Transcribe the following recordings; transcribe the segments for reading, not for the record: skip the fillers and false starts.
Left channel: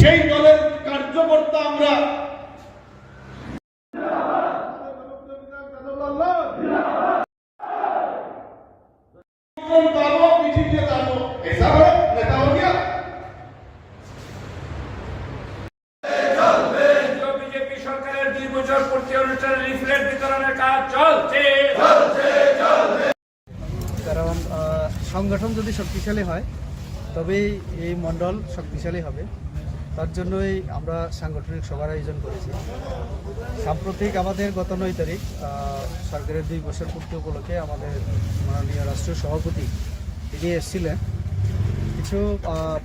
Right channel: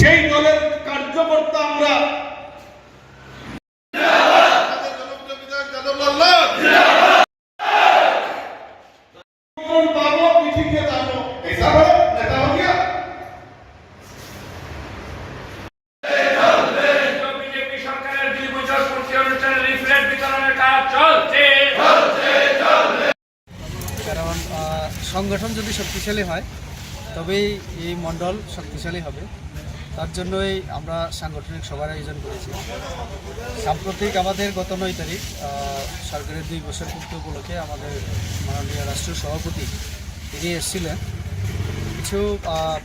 সেই দলের কার্যকর্তা আমরা কারণ সংগঠন যদি শক্তিশালী হয় তবেই এই মণ্ডল শক্তিশালী হবে। তার জন্যই আমরা সাংগঠনিক সভার আয়োজন করেছি। সাম্প্রতিক আমাদের গত 9 তারিখ সরকারের 2 বছর পূর্তি উপলক্ষে আমাদের মাননীয় রাষ্ট্রীয় সভাপতি তিনি এসেছিলেন। কিছু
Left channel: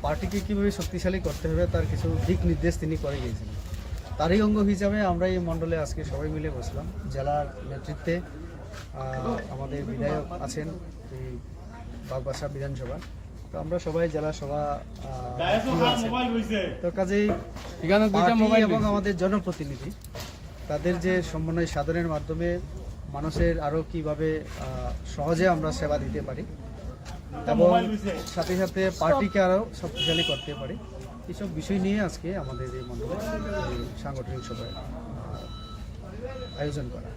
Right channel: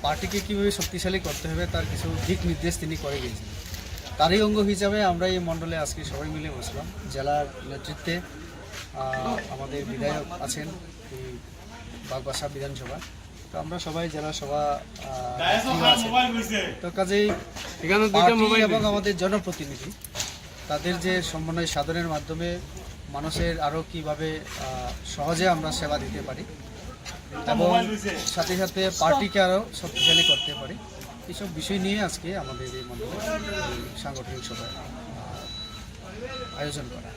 পার্টিকে কীভাবে শক্তিশালী করতে হবে তার কিছু দিক নির্দেশ তিনি করে গিয়েছিলেন। তারই অঙ্গ হিসাবে আমরা এই মণ্ডলে আজকে সবাই মিলে বসলাম। জেলার নেতৃত্বে আমাদের বিধায়ক আছেন এই বাগবাসা বিধানসভা, তো আমরা সবাই জেলা সভা তো কাজেই এবং আমাদের জনপ্রতিনিধি তাদের যে সমন্বয় সাধনের মাধ্যমে মানুষের আরও কীভাবে সহজে আমরা সেবা দিতে পারি এবং সাথে সাথে পার্টিকে আরও শক্তিশালী করতে পারি, এইসব বিষয় নিয়ে আজকে আমাদের এই মণ্ডলে সাংগঠনিক সভায় আয়োজন করা।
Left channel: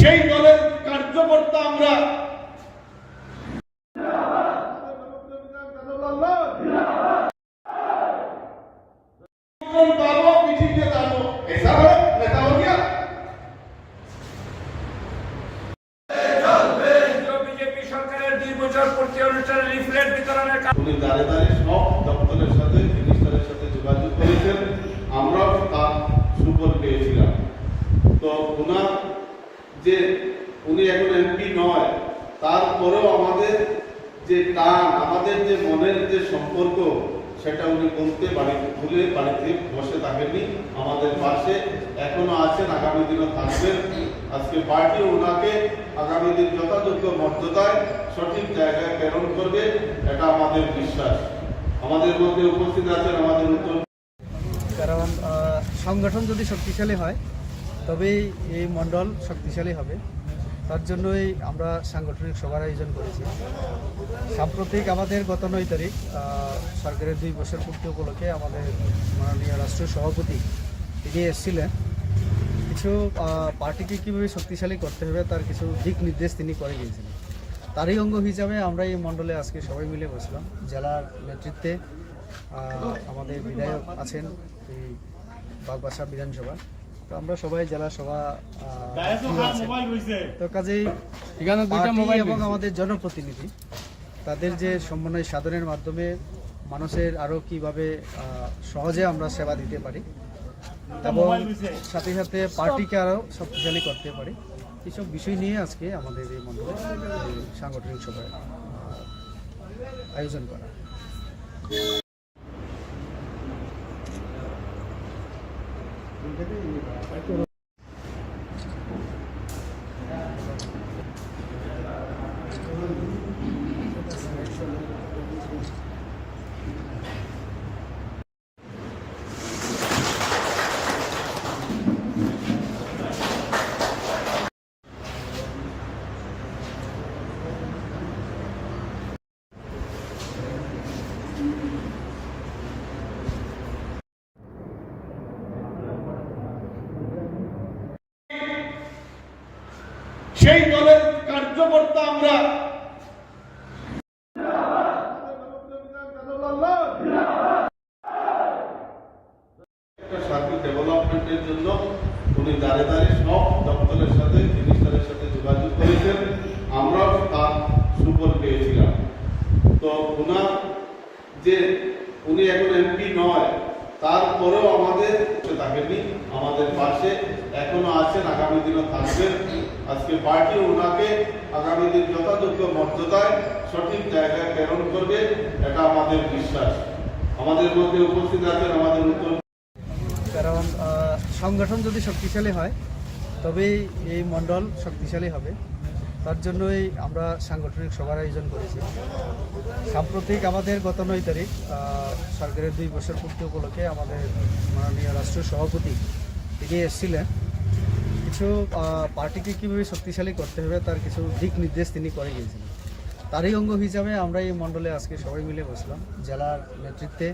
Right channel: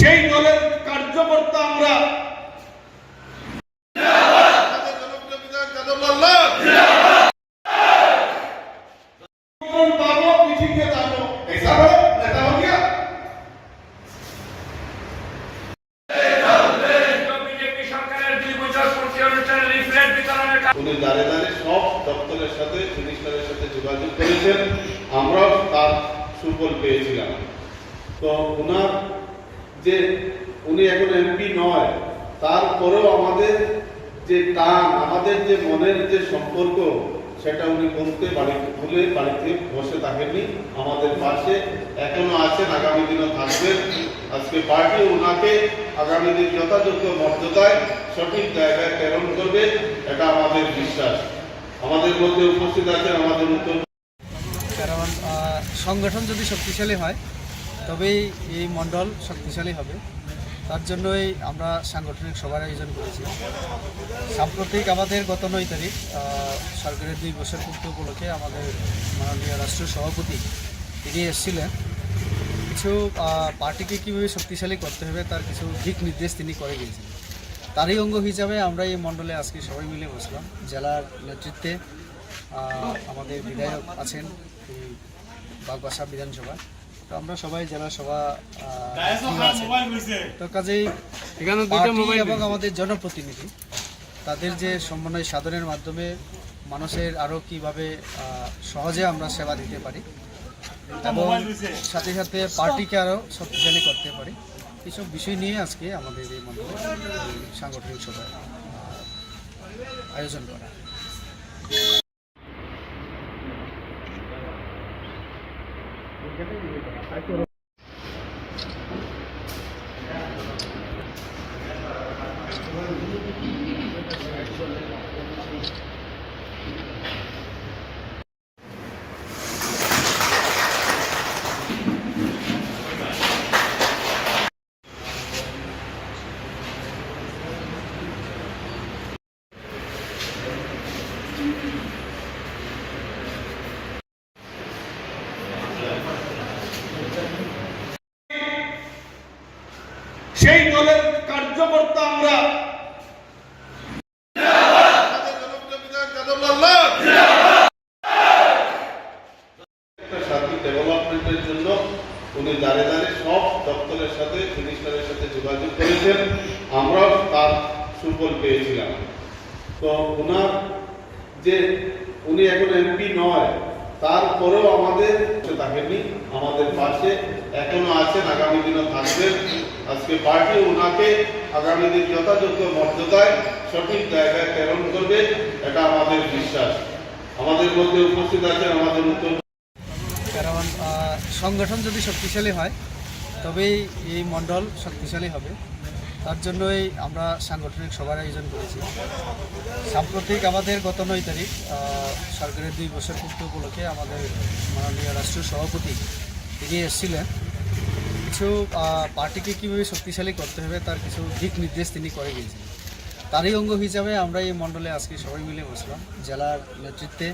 সেই দলের কার্যকর্তা আমরা দাঁড়ে দাঁড়িয়ে সব দপ্তরের সাথে মিনিস্টারের সাথে যোগাযোগ করেছেন, আমরাও তার সুফল পেয়েছিলাম। তো ওনার যে উনি এখন এমপি নয়, তারপরেও আমাদের যে টান, আমাদের যে মনের যে সম্পর্ক, সেটা উনি বলতে ভুলে বাড়িতে বসে থাকেননি, আমাদের পাশে এখনো আছেন, আগামী দিনও থাকবেন। আজকে পার্টি ওনাকে আগামী দিন যথাযোগ্য মর্যাদায় সঠিক জায়গায় প্রেরণ করবে, এটা আমাদের বিশ্বাস। আমাদের মধ্যে উপস্থিত আছেন আমাদের উত্তর। কারণ সংগঠন যদি শক্তিশালী হয় তবেই এই মণ্ডল শক্তিশালী হবে। তার জন্যই আমরা সাংগঠনিক সভার আয়োজন করেছি। সাম্প্রতিক আমাদের গত 9 তারিখ সরকারের 2 বছর পূর্তি উপলক্ষে আমাদের মাননীয় রাষ্ট্রীয় সভাপতি তিনি এসেছিলেন। কিছু পার্টিকে কীভাবে শক্তিশালী করতে হবে তার কিছু দিক নির্দেশ তিনি করে গিয়েছিলেন। তারই অঙ্গ হিসাবে আমরা এই মণ্ডলে আজকে সবাই মিলে বসলাম। জেলার নেতৃত্বে আমাদের বিধায়ক আছেন এই বাগবাসা বিধানসভা, তো আমরা সবাই জেলা সভা তো কাজেই এবং আমাদের জনপ্রতিনিধি তাদের যে সমন্বয় সাধনের মাধ্যমে মানুষের আরও কীভাবে সহজে আমরা সেবা দিতে পারি এবং সাথে সাথে পার্টিকে আরও শক্তিশালী করতে পারি, এইসব বিষয় নিয়ে আজকে আমাদের এই মণ্ডলে সাংগঠনিক সভায় আয়োজন করা। দলের কার্যকর্তা আমরা। একটা সাথী ডেভেলপমেন্টের জন্য উনি দাঁড়ে দাঁড়িয়ে সব দপ্তরের সাথে মিনিস্টারের সাথে যোগাযোগ করেছেন, আমরাও তার সুফল পেয়েছিলাম। তো ওনার যে উনি এখন এমপি নয়, তারপরেও আমাদের থাকেননি, আমাদের পাশে এখনো আছেন, আগামী দিনও থাকবেন। আজকে পার্টি ওনাকে আগামী দিন যথাযোগ্য মর্যাদায় সঠিক জায়গায় প্রেরণ করবে, এটা আমাদের বিশ্বাস। আমাদের মধ্যে উপস্থিত আছেন আমাদের উত্তর কারণ সংগঠন যদি শক্তিশালী হয় তবেই এই মণ্ডল শক্তিশালী হবে। তার জন্যই আমরা সাংগঠনিক সভার আয়োজন করেছি। সাম্প্রতিক আমাদের গত 9 তারিখ সরকারের 2 বছর পূর্তি উপলক্ষে আমাদের মাননীয় রাষ্ট্রীয় সভাপতি তিনি এসেছিলেন। কিছু পার্টিকে কীভাবে শক্তিশালী করতে হবে তার কিছু দিক নির্দেশ তিনি করে গিয়েছিলেন। তারই অঙ্গ হিসাবে আমরা এই মণ্ডলে আজকে সবাই মিলে বসলাম। জেলার নেতৃত্বে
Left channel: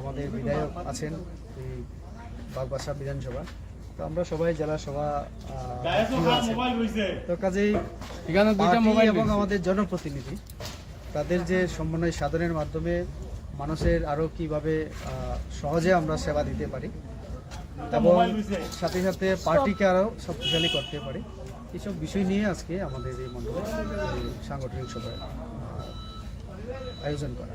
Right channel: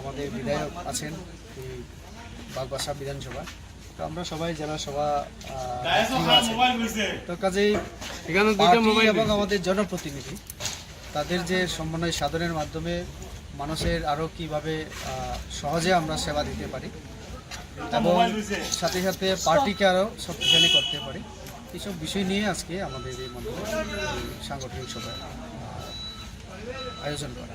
আমাদের বিধায়ক আছেন এই বাগবাসা বিধানসভা, তো আমরা সবাই জেলা সভা তো কাজেই পার্টি এবং আমাদের জনপ্রতিনিধি তাদের যে সমন্বয় সাধনের মাধ্যমে মানুষের আরও কীভাবে সহজে আমরা সেবা দিতে পারি এবং সাথে সাথে পার্টিকে আরও শক্তিশালী করতে পারি, এইসব বিষয় নিয়ে আজকে আমাদের এই মণ্ডলে সাংগঠনিক সভা আয়োজন করা।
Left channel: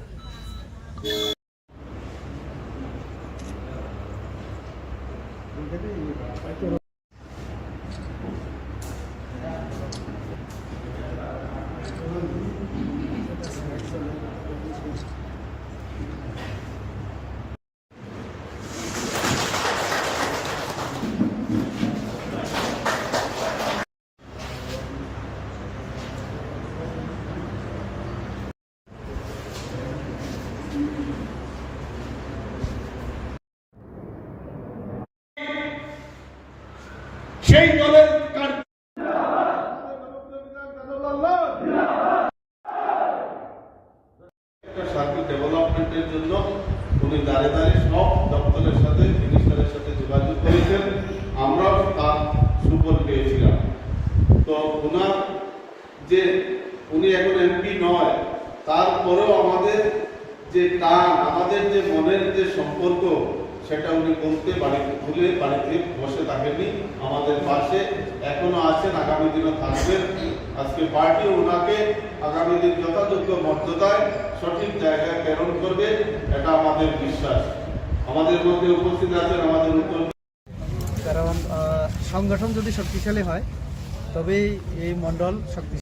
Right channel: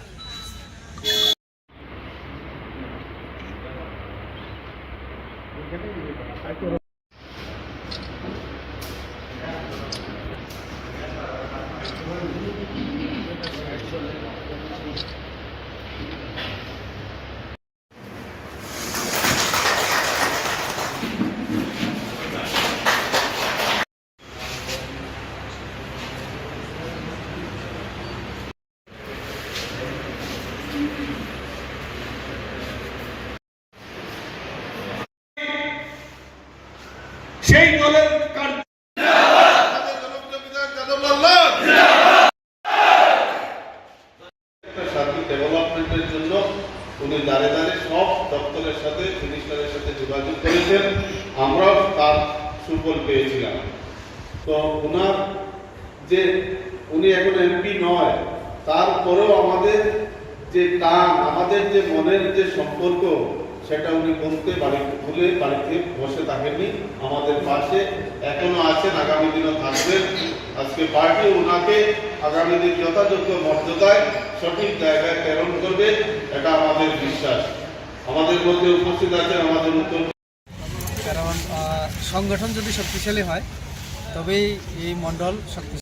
সেই দলের একটা সাথী ডেভেলপমেন্টের জন্য উনি দাঁড়ে দাঁড়িয়ে সব দপ্তরের সাথে মিনিস্টারের সাথে যোগাযোগ করেছেন, আমরাও তার সুফল পেয়েছিলাম। তো ওনার যে উনি এখন এমপি নয়, তারপরেও আমাদের যে টান, আমাদের যে মনের যে সম্পর্ক, সেটা উনি বলতে ভুলে বাড়িতে বসে থাকেননি, আমাদের পাশে এখনো আছেন, আগামী দিনও থাকবেন। আজকে পার্টি ওনাকে আগামী দিন যথাযোগ্য মর্যাদায় সঠিক জায়গায় প্রেরণ করবে, এটা আমাদের বিশ্বাস। আমাদের মধ্যে উপস্থিত আছেন আমাদের উত্তর কারণ সংগঠন যদি শক্তিশালী হয় তবেই এই মণ্ডল শক্তি